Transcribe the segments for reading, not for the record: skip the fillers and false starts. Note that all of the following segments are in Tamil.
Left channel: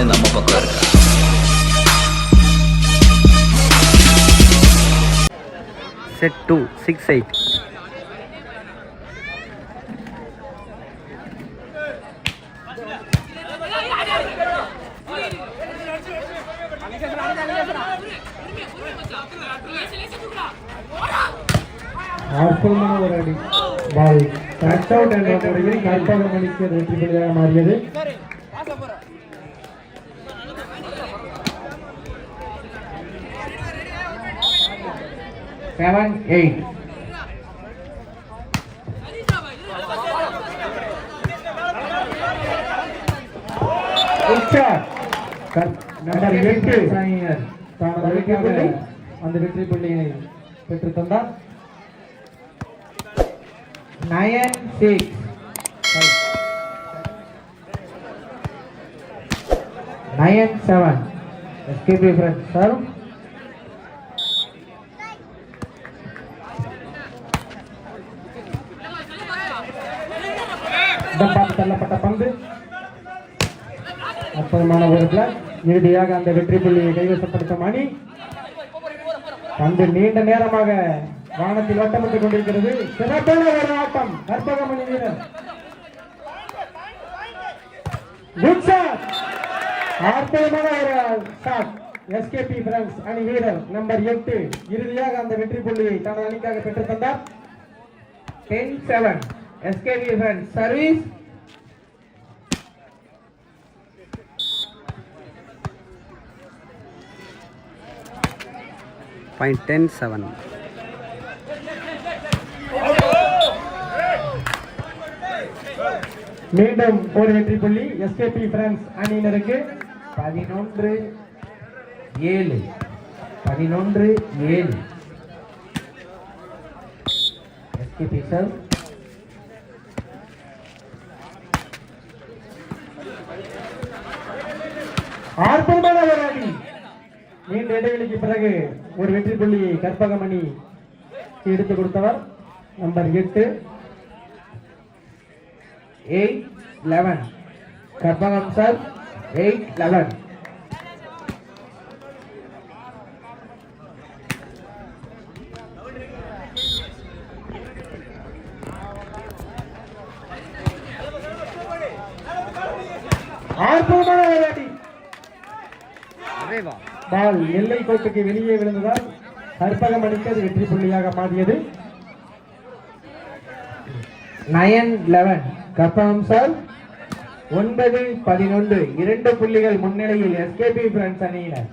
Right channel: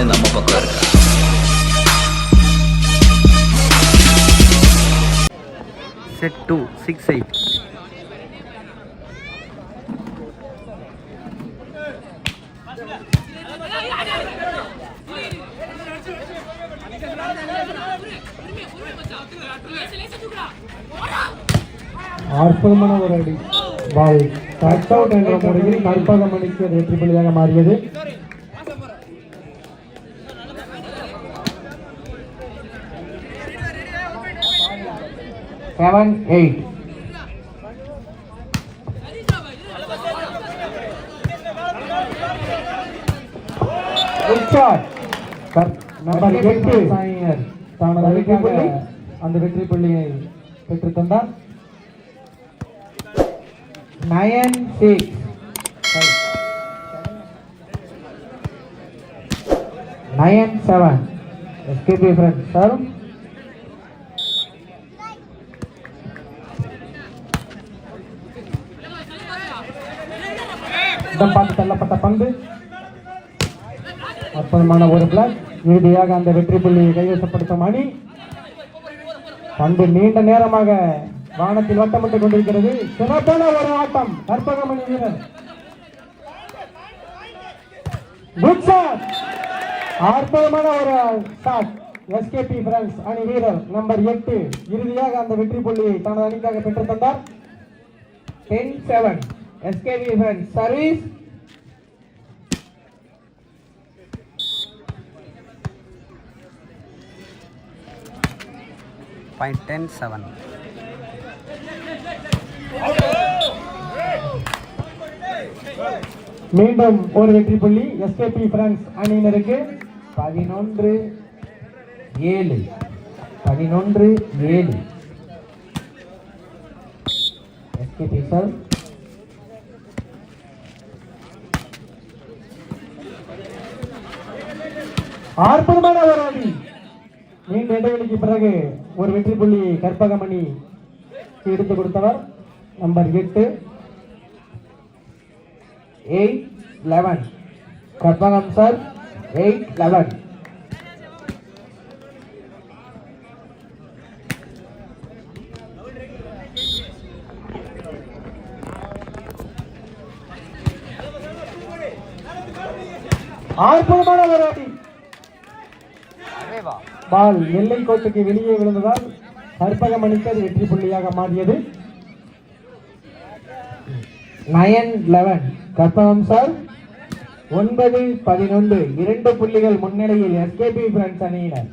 கண்ணு நம்ம பக்கம் இருக்கா? செட் 2 6-8. அற்புதமான ஒரு அடி பால் கட் அவுட் என்ற முறையில் கல்பகம் அணிக்கு வெற்றி புள்ளியாக மாறியது. செவன் 8. நம்பர் 8 சாயினர் தனது வெற்றி புள்ளி அந்த வெற்றி புள்ளியை பெற்று தந்தார். 9-6. 9-7. SKP friends serve. தள்ளப்பட்ட பந்து அற்புதமான ஒரு பிளாக். இறுதியாக அந்த வெற்றி புள்ளியை கைவசப்படுத்தும் அணி. பந்து நீண்ட நேரமாக வானத்தில் வட்டப்பட்டுக் கொண்டிருக்கிறது. சிறப்பான ஒரு ஆட்டம் கற்பகம் அணி வீரர். Good shot. அற்புதமான ஒரு ஷாட் எஸ்கேபி பிரான்ஸ் அணி வீரர் நம்பர் 8 இறுதியாக அந்த வெற்றி புள்ளியை தனது அணிக்காக பெற்றுத் தந்தார். 10-7. SKB France service. Point 10-7. மீண்டும் ஒரு வெற்றி புள்ளி எஸ்கேபி பிரான்ஸ் அணியினருக்கு. 11-7. 11-7. எஸ்கேபி சார் அற்புதமான ஒரு அணி. நீண்ட இடைவெளிக்கு பிறகு ஒரு வெற்றி புள்ளியை கற்பகம் அணி எடுத்துக் கொடுத்தவர் நம்பர் 8. 8-11. கற்பகம் சார் 8-11. அற்புதமான ஒரு அணி. பால் எல்லை கோட்டுக்கு வெளியே விழுந்ததால் கற்பகம் அணிக்கு வெற்றி புள்ளியாக மாறியது. 9-11. கற்பகம் சார் 9-11. 2 புள்ளிகள் முன்னிலையில் எஸ்கேபி பிரான்ஸ் அணியினர்.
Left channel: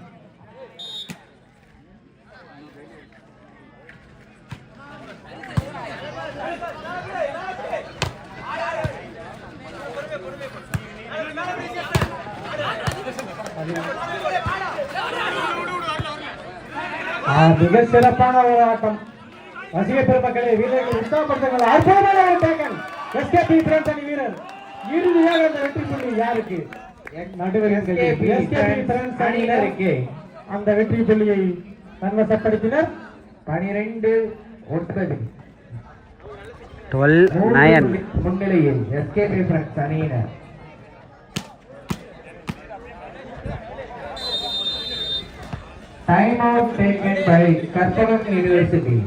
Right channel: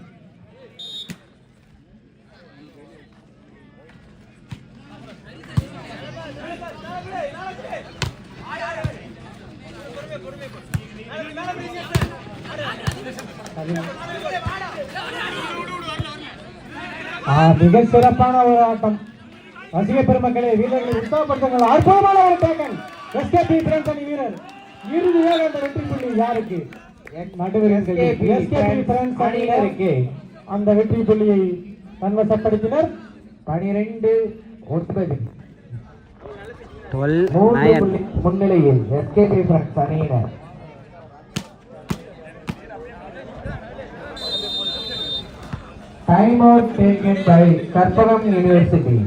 மிக சிறப்பான ஒரு ஆட்டம். ரசிக பெருமக்களை வீரர்கள் உற்சாகப்படுத்துகிறார். அற்புதமான ஒரு டேக்கன் எஸ்கேபி பிரான்ஸ் அணி வீரர். இறுதியாக அந்த வெற்றி புள்ளி யாருக்கு? நடுவர் எஸ்கேபி பிரான்ஸ் அணியினருக்கு அந்த வெற்றி புள்ளியை தன்வசப்படுத்தினர். 12-9. 12-9 முன்னிலையில் எஸ்கேபி பிரான்ஸ் அணியினர். Time out taken by Karpalam University.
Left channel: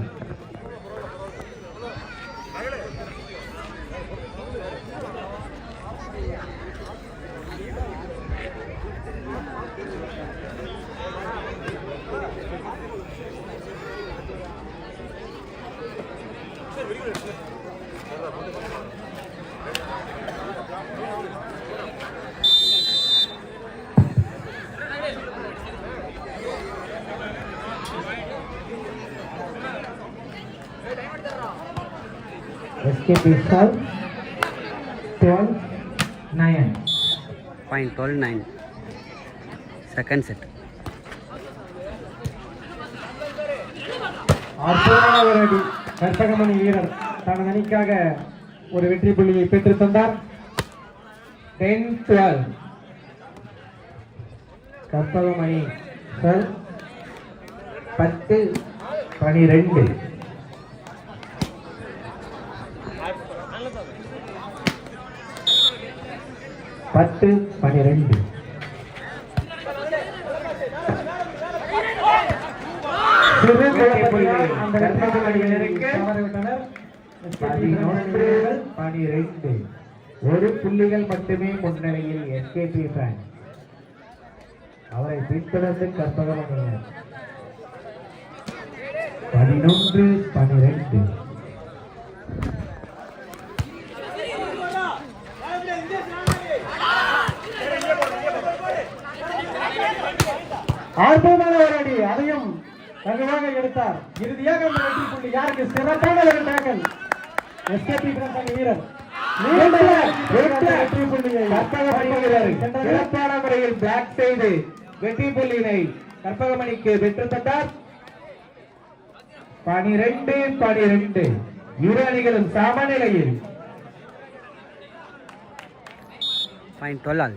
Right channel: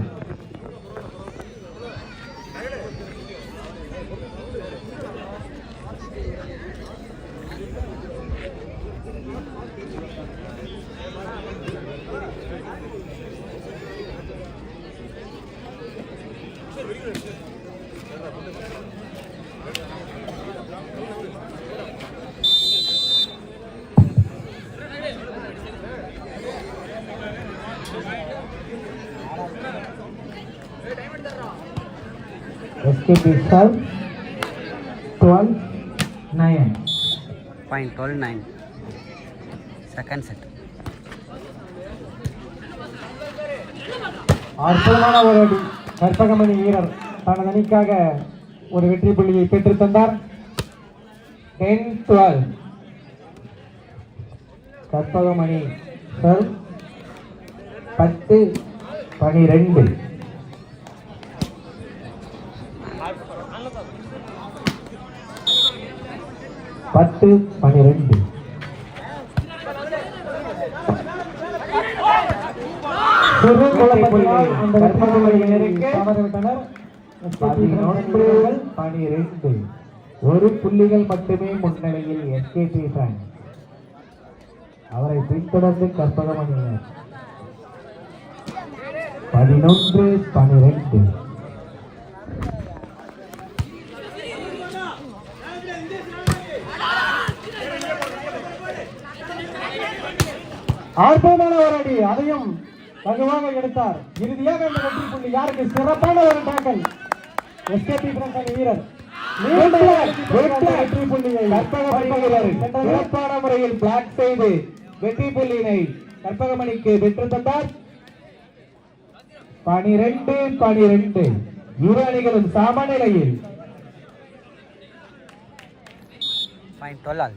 SKP serve 12-9. Point 12-9. Second set. அற்புதமான ஒரு அடி. கற்பகம் அணி வீரர் தனது அணிக்காக ஒரு வெற்றி புள்ளியை பெற்றுத் தந்தார். 10-12. கற்பகம் அணி 10-12. 10-12. ஒரு புள்ளிகள் மட்டுமே முன்னணியில் எஸ்கேபி பிரான்ஸ். அவரை பின்தொடர்ந்து கற்பகமணியினர் 11-12. ஆர்வமான போராடி அதையும் வலுவாக எடுத்தார். இறுதியாக யாருக்கு சிறப்பான ஒரு டேக்கல் எஸ்கேபி பிரான்ஸ் வீரர் சிறப்பான முறையில் பிளாக் செய்து வெற்றி புள்ளியினை கற்பகமணிக்கு வெற்றி தந்தார். 12-12. இரு அணிகளும் சமநிலையில். Point 12.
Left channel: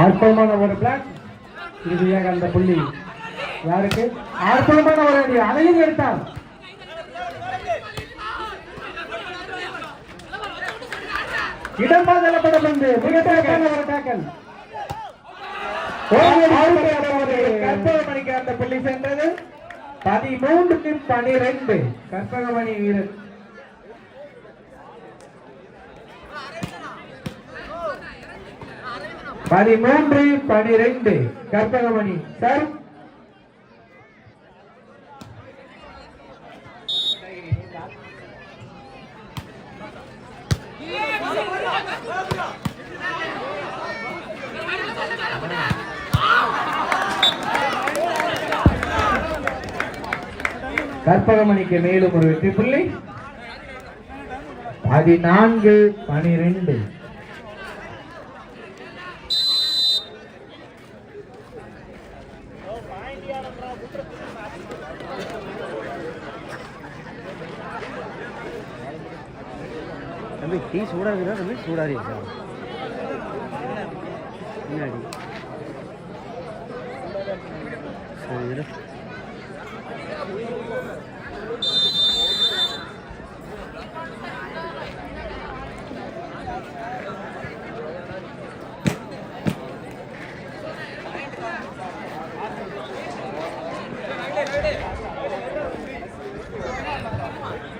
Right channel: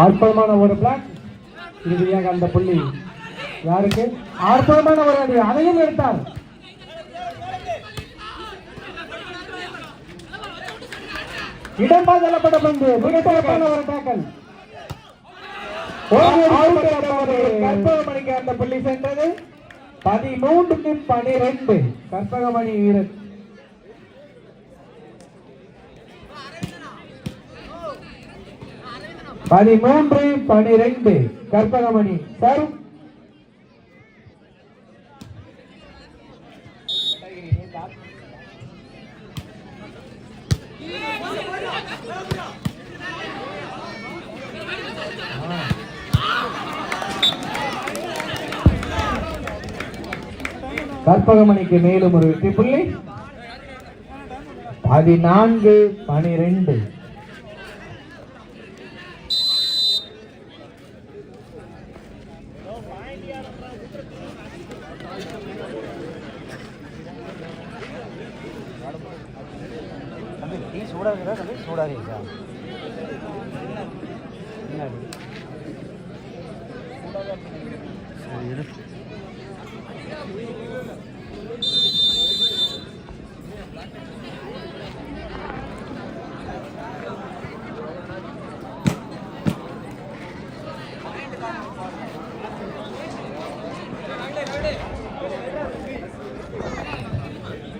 ஆர்வமான ஒரு பிளாக். இறுதியாக அந்த புள்ளி யாருக்கு? ஆர்வமான ஒரு அணி அதையும் எடுத்தார். இடமாதலப்படும் என்று மிகப்பெரிய ஒரு டேக்கல். கற்பகமணிக்கு அந்த புள்ளி சென்றது. 13-12. கற்பகமணி வீரர் 13-12. கற்பகமணி சார். கற்பகமணிக்கு மேலும் ஒரு வெற்றி புள்ளி. 14-12. டீ சூடா இருக்குதா? சூடா இருக்கு.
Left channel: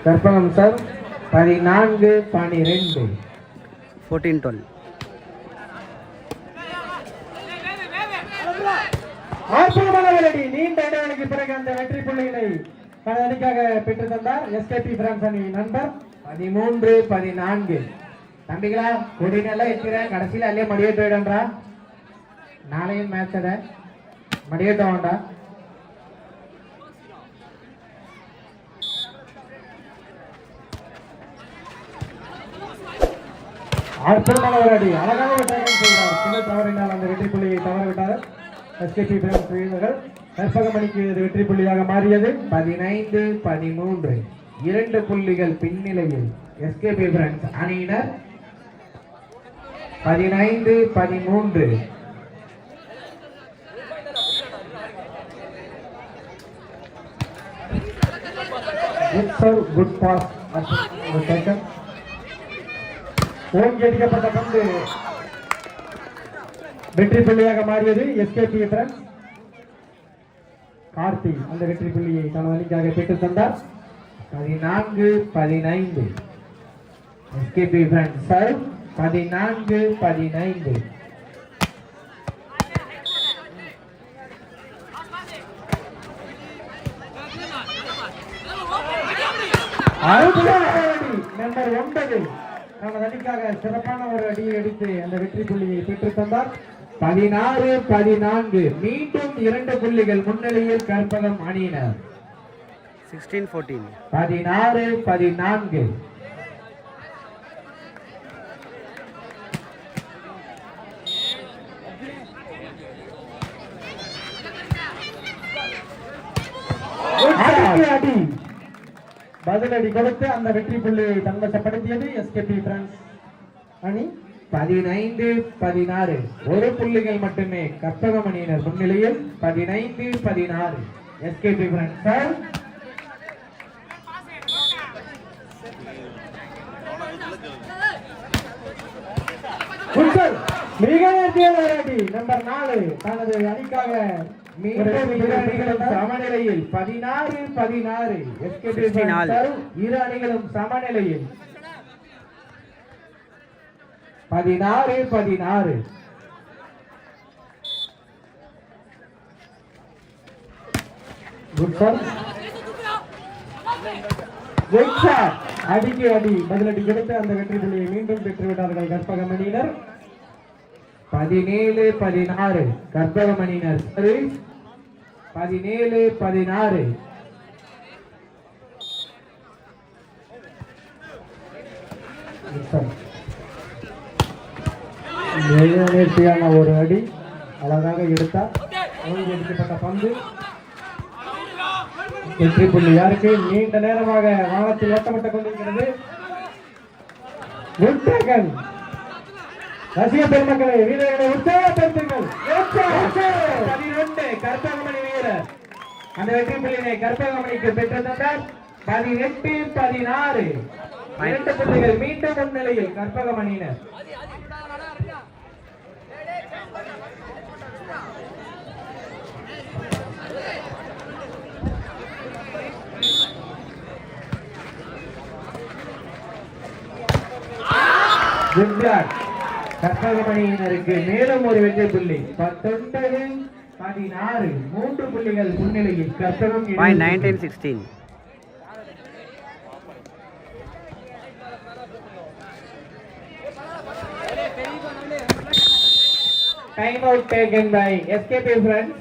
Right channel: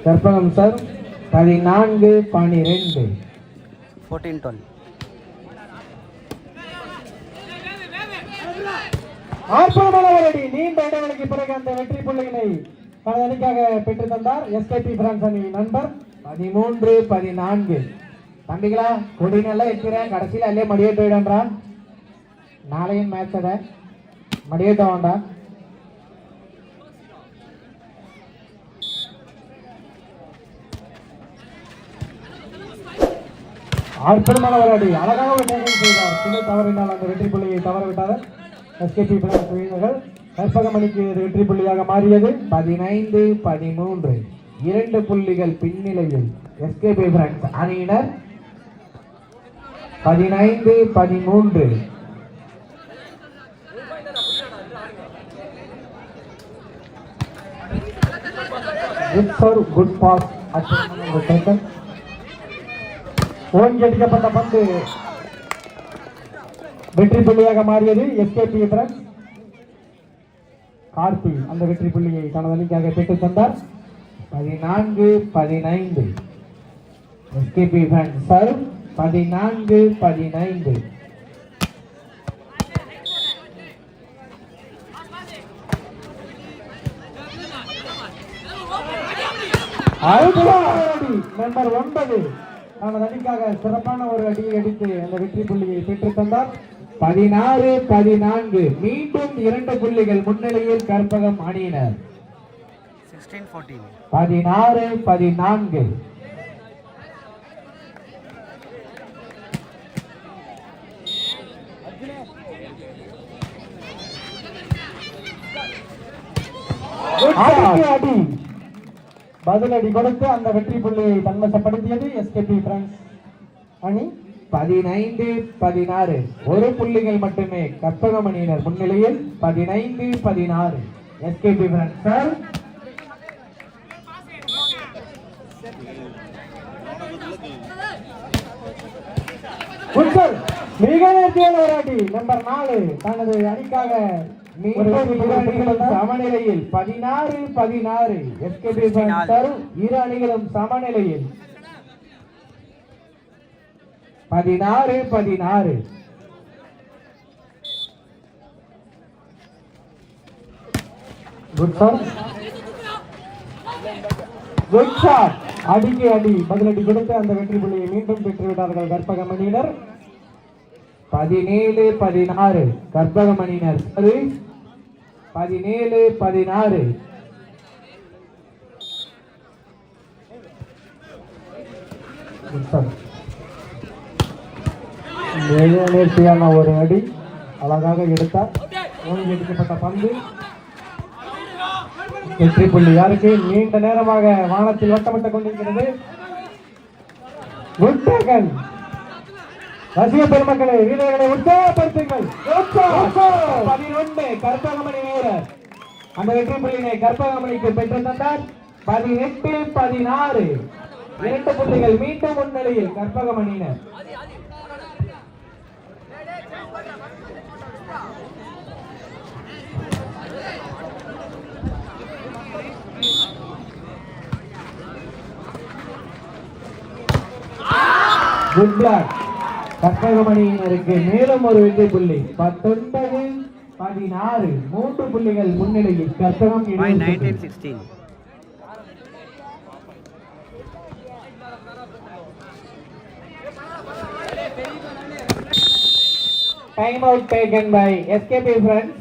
கற்பகம் சார் 14-12. 14-12. நீண்ட இடைவெளிக்கு பிறகு அந்த வெற்றி புள்ளிகளை தனது அணிக்காக பெற்று தந்தார் எஸ்கேபி பிரான்ஸ் அணி நண்பர். 13-14. தம்பிகளா கொடினெல்லாம் எத்திர கடைசியில் அல்லே மடியேற்ற வேண்டாம்டா. நாளையும் மேட்ச் அத மடியேற்ற வேண்டாம். அற்புதமான ஒரு அடி. அழகான ஒரு டேக்கிள் செய்தார். சின்ன தவறினால் அந்த வெற்றி புள்ளியை தவறவிட்டார் எஸ்கேபி பிரான்ஸ் வீரர்கள். கற்பகமணிக்கு இது வெற்றி புள்ளியாக மாறியது. 15-13. 2 புள்ளிகள் பின்னிலையில் எஸ்கேபி பிரான்ஸ் அணியினர். 15-13. குட் பாஸ் ஓங்கி அடிக்கப்பட்ட பந்து வெற்றி புள்ளியாக மாறியது எஸ்கேபி பிரான்ஸ். கார்த்தி அந்த வெற்றி புள்ளியை தனது அணிக்காக பெற்றுத் தந்தார். 14-15. SKB France serve. 14-15. நம்பர் 9 தனது அணிக்காக சிறப்பான ஒரு அடியை அடித்து அந்த வெற்றி புள்ளியை பெற்றுத் தந்தார். 16-14. மீண்டும் 2 புள்ளிகள் முன்னிலையில் கற்பகம் அணியினர். 16-14. 16-14. அடி பதிலடி கொடுத்து அந்த வெற்றி புள்ளியை தன்வசப்படுத்தியது எஸ்கேபி பிரான்ஸ் அணி. 15-16. 1 புள்ளிகள் மட்டுமே கற்பகம் அணியினர் முன்னிலையில். 15-16. எஸ்கேபி பிரான்ஸ் மிக நேர்த்தியான விளையாடி நம்பர் 4 தனது அணிக்காக சமநிலையில் 16-16. இரு அணிகளும் சமநிலையில் 16-16. அடிக்கு அடி பதிலடி கொடுத்து அந்த வெற்றி புள்ளியை மீண்டும் பெற்றுவிட்டார்கள் கற்பகம் அணியினர். 17-16 கற்பகம் அணியினர். 17-16. நேர்த்தியான ஒரு அடி அழகாக எடுத்தார். எடுக்கப்பட்ட பந்து வெற்றி புள்ளி யாருக்கு? நீண்ட நேரமாக வானத்தில் வட்டப்பட்டுக் கொண்டிருக்கிறது. ரசிக பெருமக்களே, வீரர்களை உற்சாகப்படுத்துங்கள். 11 கற்பகமணி வீரர் அந்த வெற்றி புள்ளியை கற்பகமணிக்கு பெற்று தந்தார். 18-16 2 புள்ளிகள் மீண்டும் முன்னிலையில் கற்பகமணியினர். கற்பகமணியினருக்கு மேலும் ஒரு வெற்றி புள்ளி. 19-16 3 புள்ளிகள் முன்னிலையில் Karpagam. 19-16. Time out taken by SKP friends.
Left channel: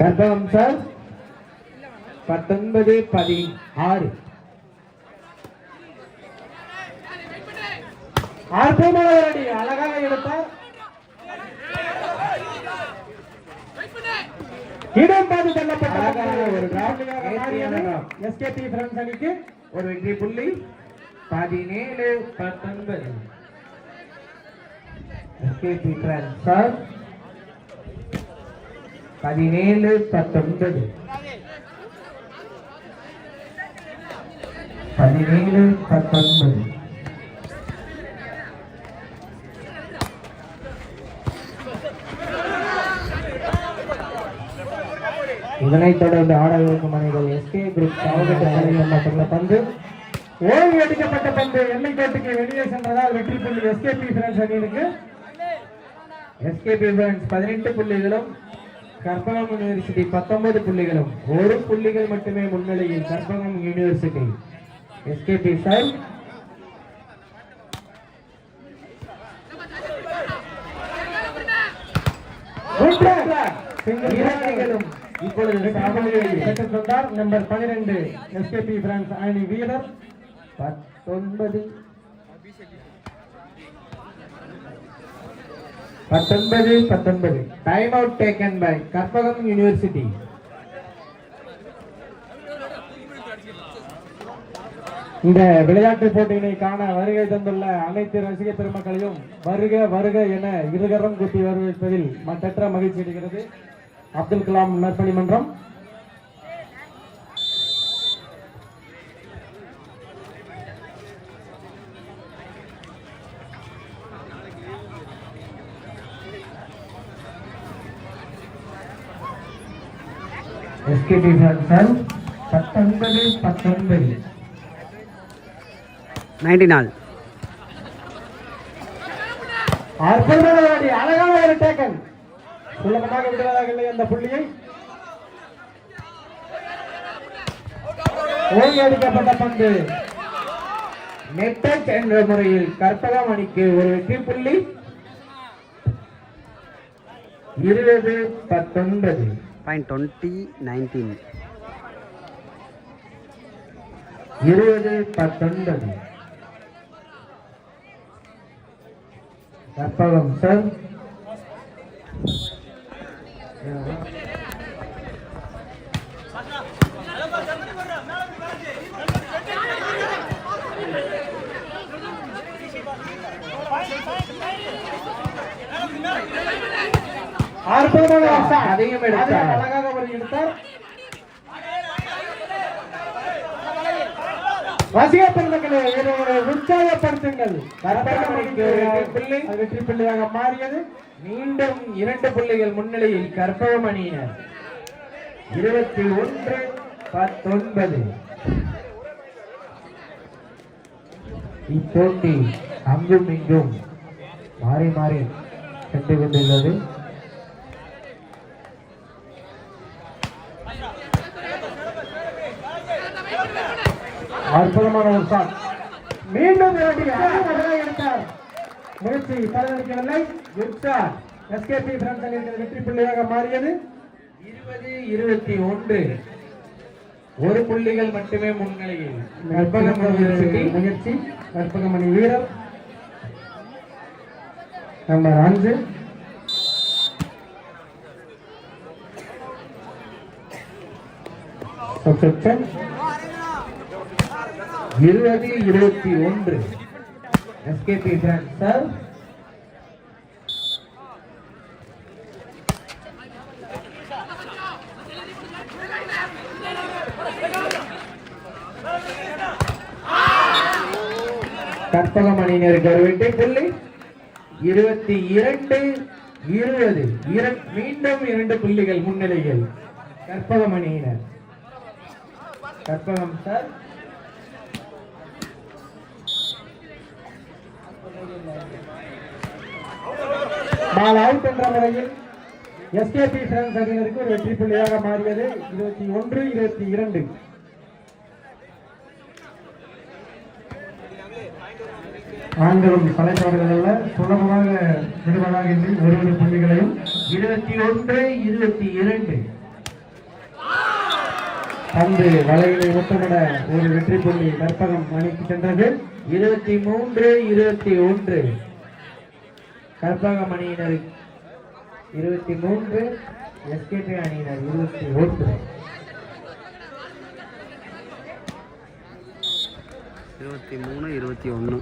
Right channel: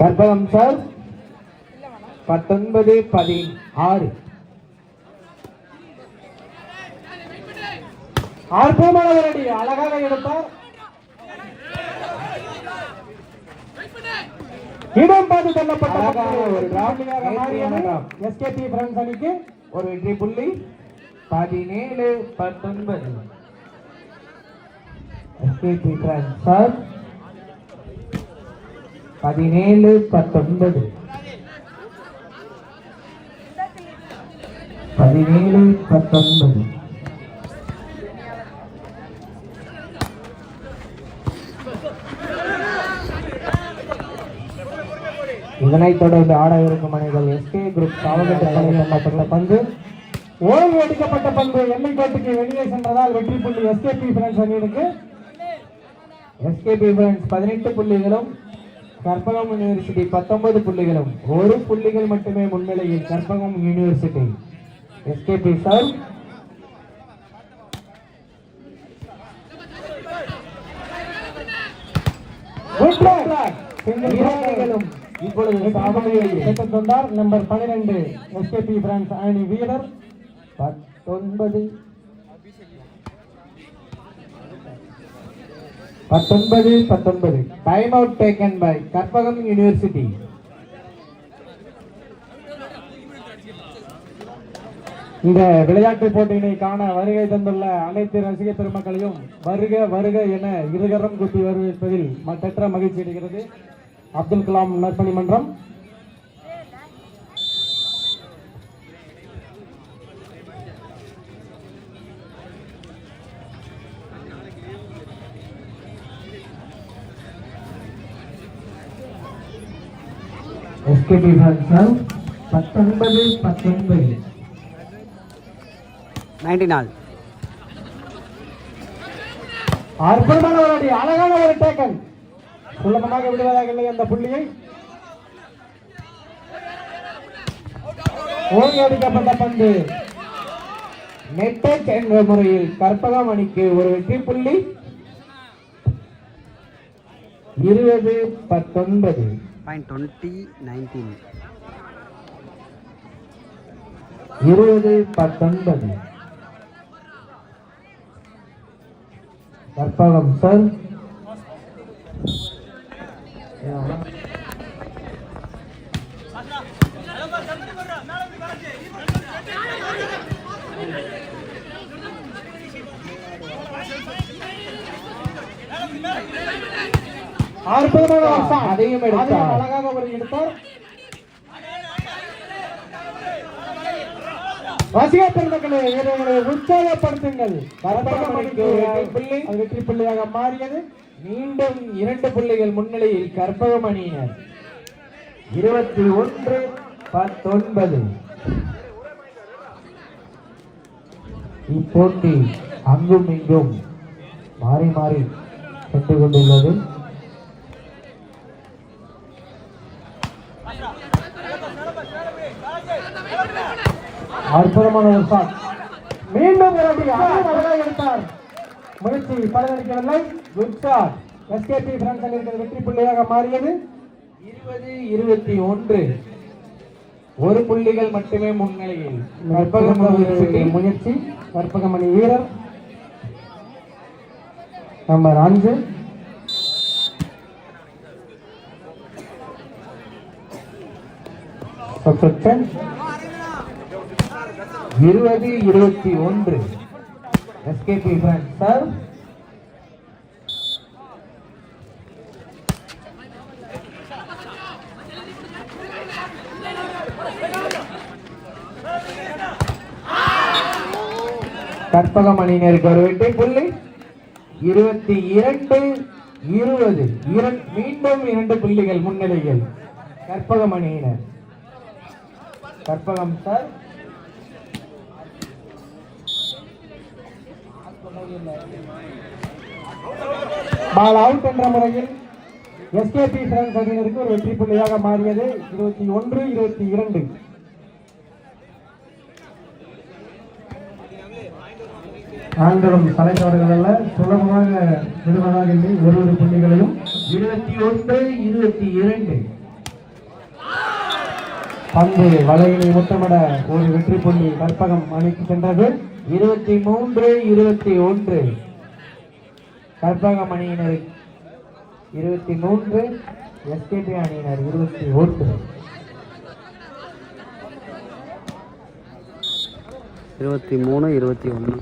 Karpagam sir 19-16. அழகாக எடுத்தார். இடம் பார்த்து செல்லப்பட்ட ஒரு எஸ்கேபி ஃப்ரெண்ட்ஸ் அணிக்கு ஒரு வெற்றி புள்ளி. 17-19 எஸ்கேபி ஃப்ரெண்ட்ஸ் சார் 17-19. 17-19. இதனைத் தொடர்ந்து ஆடவிருக்கும் அணிகள் எஸ்கே குரூப் சாவகட்ட பந்து ஓய்வு அடிக்கப்பட்ட பந்து எல்லைக்காட்டுக்கு வெளியே சென்றதால் வெற்றி புள்ளி எஸ்கேபி ஃப்ரெண்ட்ஸ் அணியிற்கு. எஸ்கேபி ஃப்ரெண்ட்ஸ் 18 புள்ளிகளும் கற்பகம் யூனிவர்சிட்டி 19 புள்ளிகளும். 1 புள்ளிகள் மட்டுமே முன்னிலையில் கற்பகம் யூனிவர்சிட்டி. எஸ்கேபி சார் இப்பொழுது நம்பர் 12 எஸ்கேபி பிரான்ஸ் அணி வீரர் 19-19. Time out taken by Karpagam university. இந்த விளையாட்டு போட்டியினை காண வருகை தந்துள்ள அனைத்து ரசிக பெருமக்களையும் வருக வருக என இருகரம் கூட்டி வரவேற்பதில் மற்றற்ற மகிழ்ச்சி அடைகிறது. அப்துல் கலாம் நற்பணி மன்றம். SKB friends 19-19. 19 அழகான ஒரு டேக்கன். சுலபமாக விடுவதாக இல்லை அந்த புள்ளியை. ஓய்வெடுக்கப்பட்ட பந்து நெட் என்ற முறையில் கற்பகம் அணிக்கு ஒரு வெற்றி புள்ளி. 20-19. 20-19. 20-19. கற்பகம் சார் அதையும் எடுத்தார். ரசிக பெருமக்களை உற்சாகப்படுத்துங்கள். வெற்றி புள்ளியாக மாறியது. மீண்டும் 2 புள்ளிகள் முன்னிலையில் கற்பகமணியினர் 21-19. இப்போட்டி அங்கும் இங்கும் மாறி மாறி சென்று கொண்டுள்ளது. மீண்டும் எடுத்தார். முயற்சி பலனளிக்கவில்லை. எஸ்கேபி வெற்றி புள்ளியாக மாறியது. 20-21. 1 புள்ளிகள் மட்டுமே முன்னிலையில். முயற்சி கற்பகமணி வீரர் நம்பர் 5 20-21. எஸ்கேபி சார் கற்பகமணியினருக்கு ஒரு வெற்றி புள்ளி. 22-20. மீண்டும் 2 புள்ளிகள் முன்னிலையில் கற்பகமணியினர். கற்பகம் சார் பால் அவுட் என்ற முறையில் எஸ்கேபி பிரான்ஸ் அணியினருக்கு ஒரு வெற்றி புள்ளியாக மாறியது. 21-22. நான்களும் தலைப்பாடுகள் அல்ல, சுலபமாக நிறுவனாகின்ற ஒரு புள்ளிகளையும். 21-22. பந்து வலையினை முத்தமிட ஒரு வெற்றி புள்ளி கற்பகம் அணிக்கு சென்றது. 23-21. கற்பகம் அணியினர் 23, எஸ்கேபி அணியினர் 21. 23-21.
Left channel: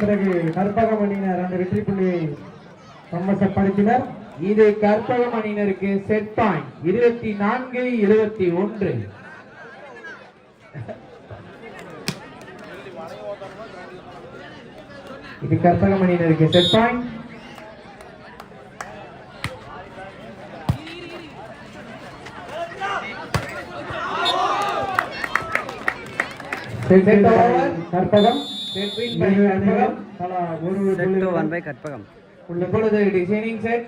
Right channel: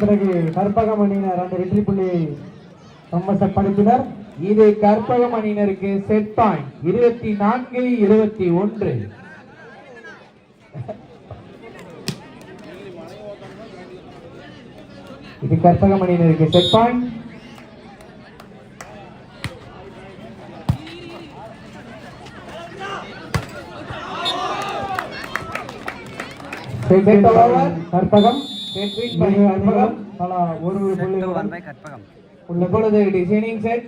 பிறகு கற்பகம் அணியினர் அந்த வெற்றி புள்ளியை சமசப்படுத்தினர். இது கற்பகம் அணியினருக்கு செட் பாயிண்ட். 24-21. இது கற்பகம் அணியினருக்கு செட் பாயிண்ட். கற்பகம் கற்பகம். இப்பொழுது டிசைனிங் செட்